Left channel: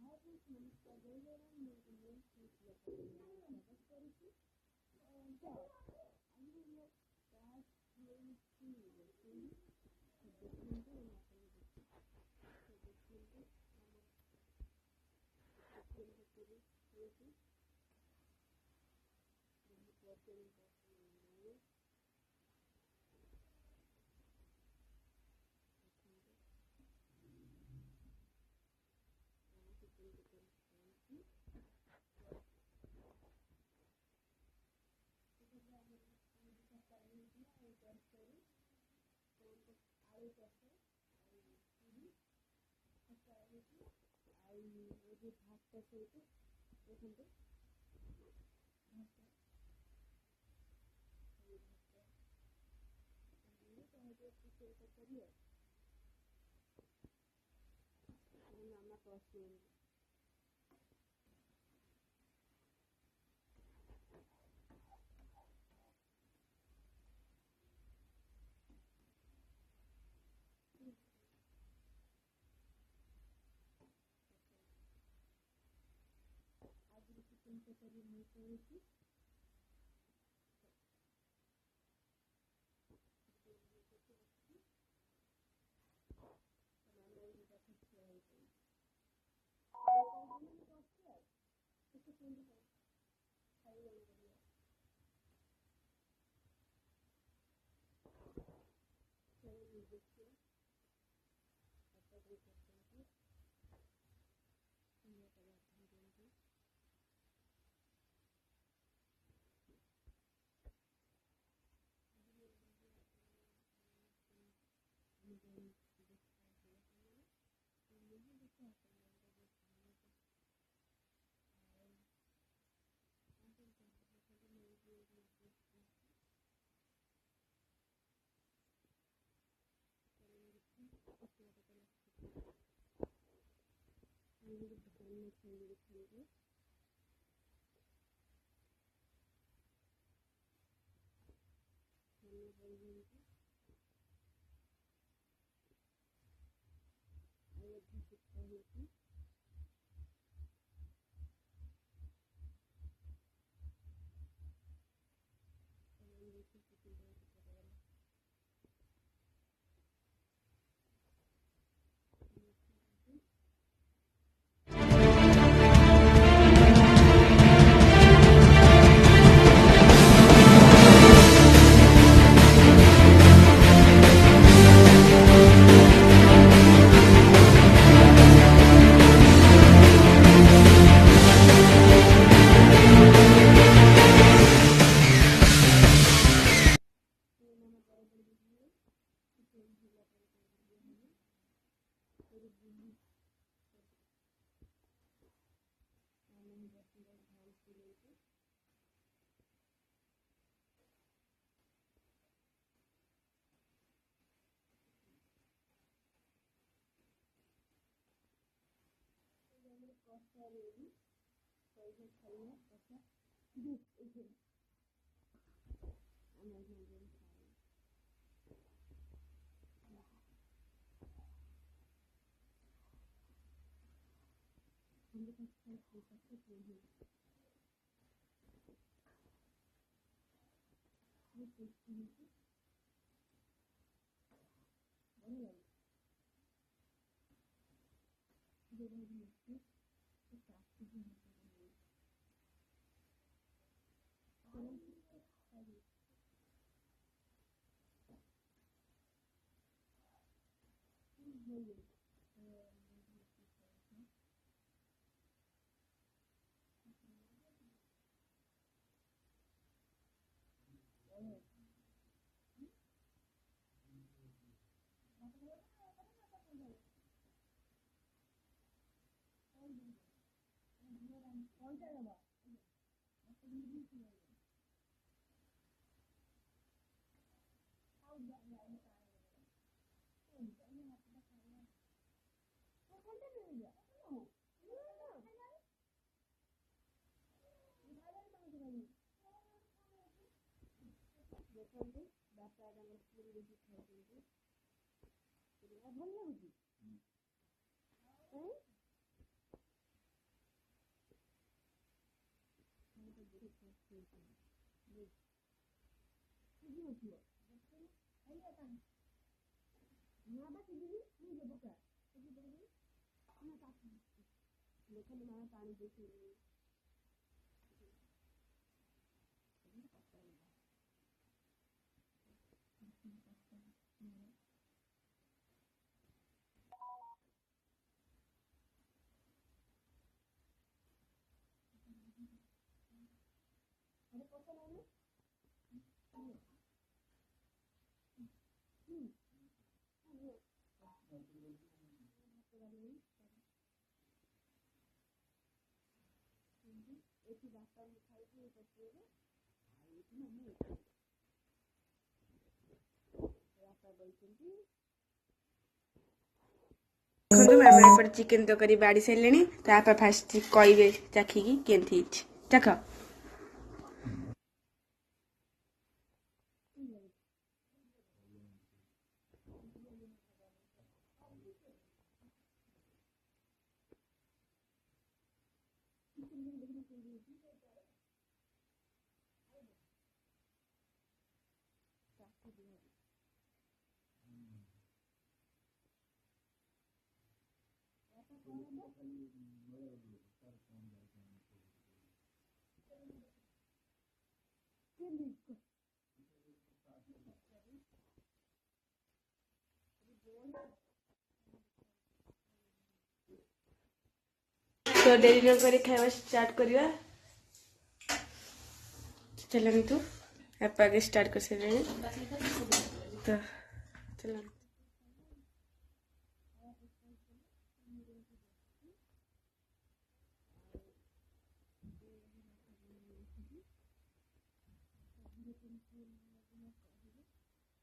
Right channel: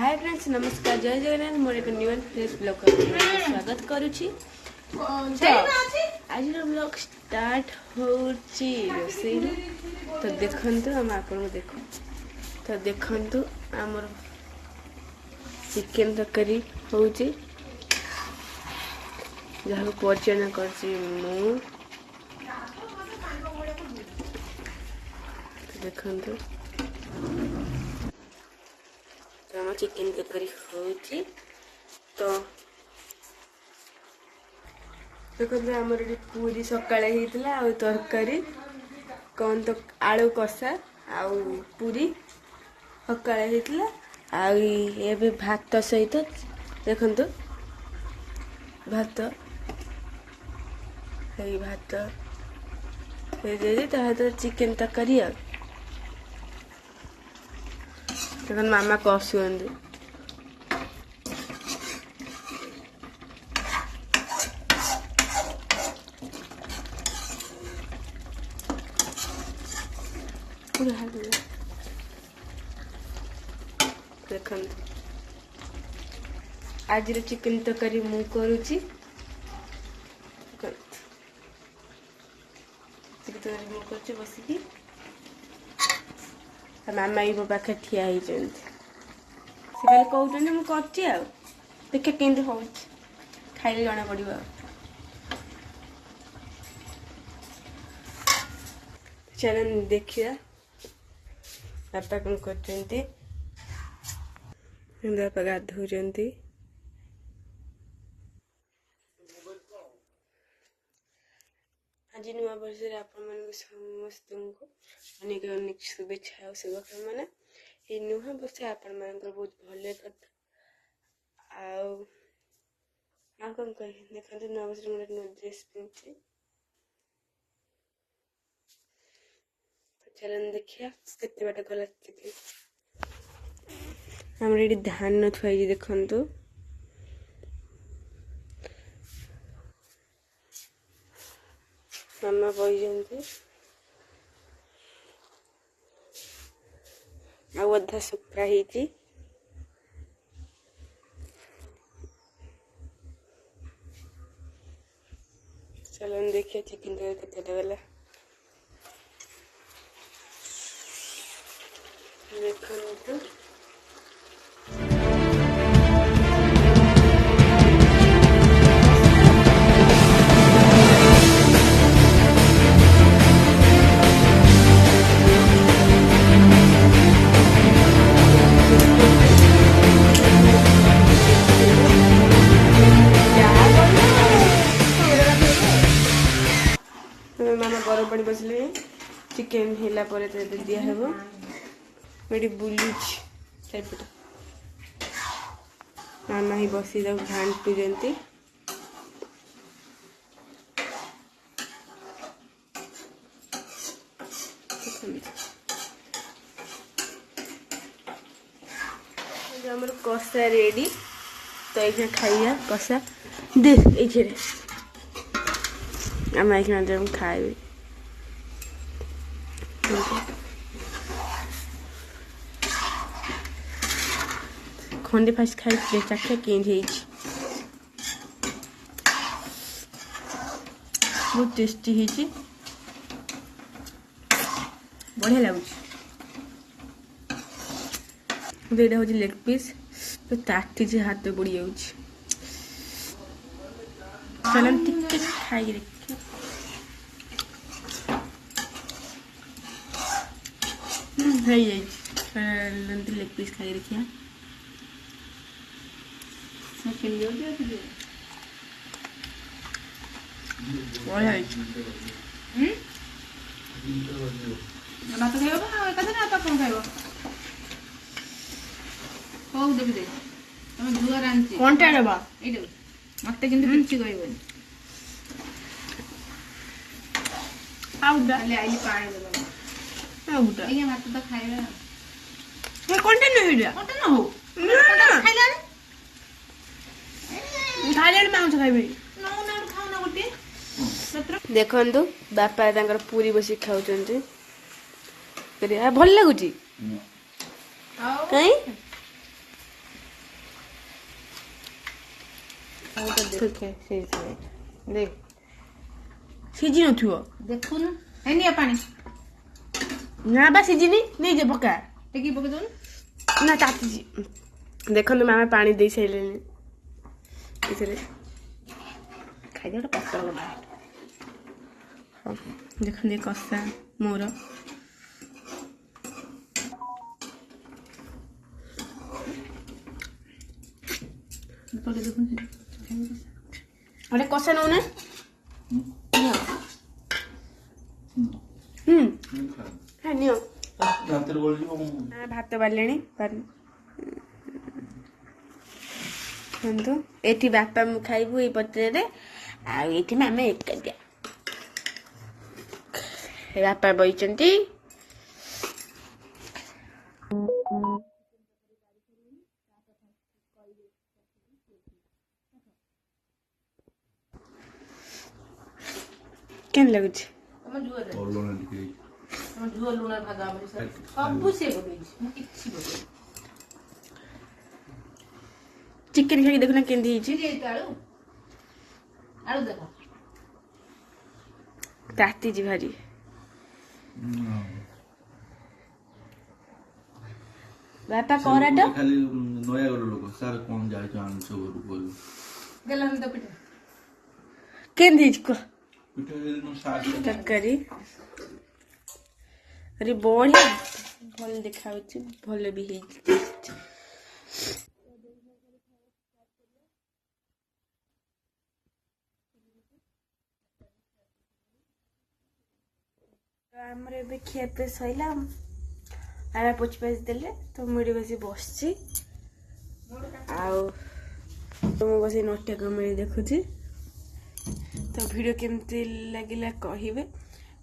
Hi friends नमस्कार जय जगन्नाथ मोर एक न्यू एंड फ्रेश ब्लॉग स्वागत करुछि। आज ब्लॉग स्टार्ट होछि रोसई तो देखंतु हम आपन को देखो तो देखंतु हमर चिकन तरकारी होछि जहाँ परिचय करछि मु देखंतु हम चिकन तरकारी होछि तो देखते आमर ये पूरी सकाଳେ ହେଇଥିଲା ଆଉ ତରକାରୀ कौन तो आलू कषा आउ पूरी सकाଳେ ହେଇଥିଲା ଆଉ ଏବେ भात सहित देखंतु भात हे भात हे जे ता चिकन तरकारी आ देखन मामा कसुंदी देखन आज चिकन तरकारी मु करूची बसिकी मामा ये पाखे ठिया से खाली कहते मुझे देखे केमती हो खाइले जना पड़ चल देखिया बापा कौन कर बापा गाधो आज नुआ वर्ष समस्त को अनेक अनेक शुभेच्छा और शुभकामना ये नुआ वर्ष आपण मान बहुत भले कथा आ कौन कह देखते नुआ वर्ष मोटे नुआ ड्रेस पिंधि चलन देखिया केते बाट गला हमर ये धान थुआई देखंतु मामा बही अधा सुखा ही चलन देखिए चिकन केते गला देखो मामा गरम पानी बसले चिकन हिला पर दिया हेबो मेडी बुलुच चारिपट मामा ही बसी घाटू जंती हमर कषा रेडी तो ये खाइया कषा दे ये आम ये खाए खंडे फास्ट खाई चाखे केंज बहुत टेस्टी है बढ़िया लगुच ये हूँ लेग पीस तो ताटी हाथ बुड़ी जा चलन टिके खाई देखिए लेग पीस खाई देखिए मत किसी कहबन आई पानी मत तो खाइबा देखु बापा पूरी बस खाऊ भल लगुच कहीं ଥୋକେ ସେଇଥିରେ ଦେଖ ସିଝି ନଥିବ ଦେଖୁନୁ ହେଇନି ଆ ପାଣି ନା ବା ସିଝିନି ନେଇଯା ପକା ଟିକେ ପକେଇ ଦଉନୁ ନା ତାତିଛି ଦେଖନ୍ତୁ ମାମା ପାଣି ଦେଇ ସାରିଲେଣି ଏଥିରେ ଖାଇଦିଅ ଗୋଟେ ପତର ଗଲା ହଉ ଦେଖନ୍ତୁ ଏ କଷା ମୋର ପକେଇ ଦେଖୁନୁ ଗୋଟେ କଷା ନଉନା ହଁ ନିଅ ଭାତ ବାଢିଲେଣି ଦେଖନ୍ତୁ ଏଠି ବାପା ମୁଁ ଖାଇବୁ ଏଇ ପତ୍ରରେ ଆଉ ଏଇଠି ଆମେ ଏକାଠିଆ ବାପା ବଇଛନ୍ତି ଦେଖନ୍ତୁ ମାମା ଏପଟେ ଚିକେନ ତରକାରୀ ବାଢି ସାରିଲେଣି ତା ବାପା ଫାଷ୍ଟ କହିବେ ଚାଖିକି କେମିତି ହେଇଛି ଚାଖ କେମିତି ଲାଗୁଛି ଚିକେନ ଖାଇକି ଦେଖୁନା କେମିତି ହେଇଛି ତାତିଛି ଭାରି ବାପା କରାଟ ଖାଲି ନୟାଗଡ଼ ଲୋକ ସାର୍ କଣ ଯାଇଛ ଆଣିଛ ଘରକୁ କହିବୁ କେମିତି ହେଇଛି କୁହ ପିଠା ଦିନ ସାର୍ ତରକାରୀ ଆରେ ବଢିଆ ଭଲ ଦେଖାଯାଉଛି ଭଲ ବି ହେଇଛି ତ ଡେରି ନ କରି ଖାଇବା ଷ୍ଟାର୍ଟ କରିବା ଚାଲନ୍ତୁ ବାପା ଆଗେ ଷ୍ଟାର୍ଟ କରିସାରିଲେଣି ତ ଆମର ଏବେ ଖିଆ ପିଆ ସରିଲା ବାପା ପୋଛି ପାଛି ଦେଲେ ତ ମୁଁ ଏଠି ବସି ବସିଛି ଆଉ ମୁଁ ବସି ନଟିଆ କମେଡି ଦେଖୁଛି ତ ଭିଡ଼ିଓ କେମିତି ଲାଗିଲା କହିବେ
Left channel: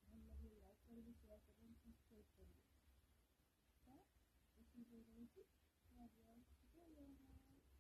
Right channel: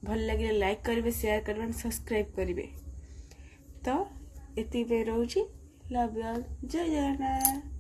ଭଲ ଲାଗିଲେ ଲାଇକ୍ କରିବେ ସେୟାର କରିବେ ସବସ୍କ୍ରାଇବ୍ କରିବେ ତ ଏତିକି ପାଇଁ ରହୁଛି ଲଭ୍ ୟୁ ଅଲ୍ ଜୟ ଜଗନ୍ନାଥ।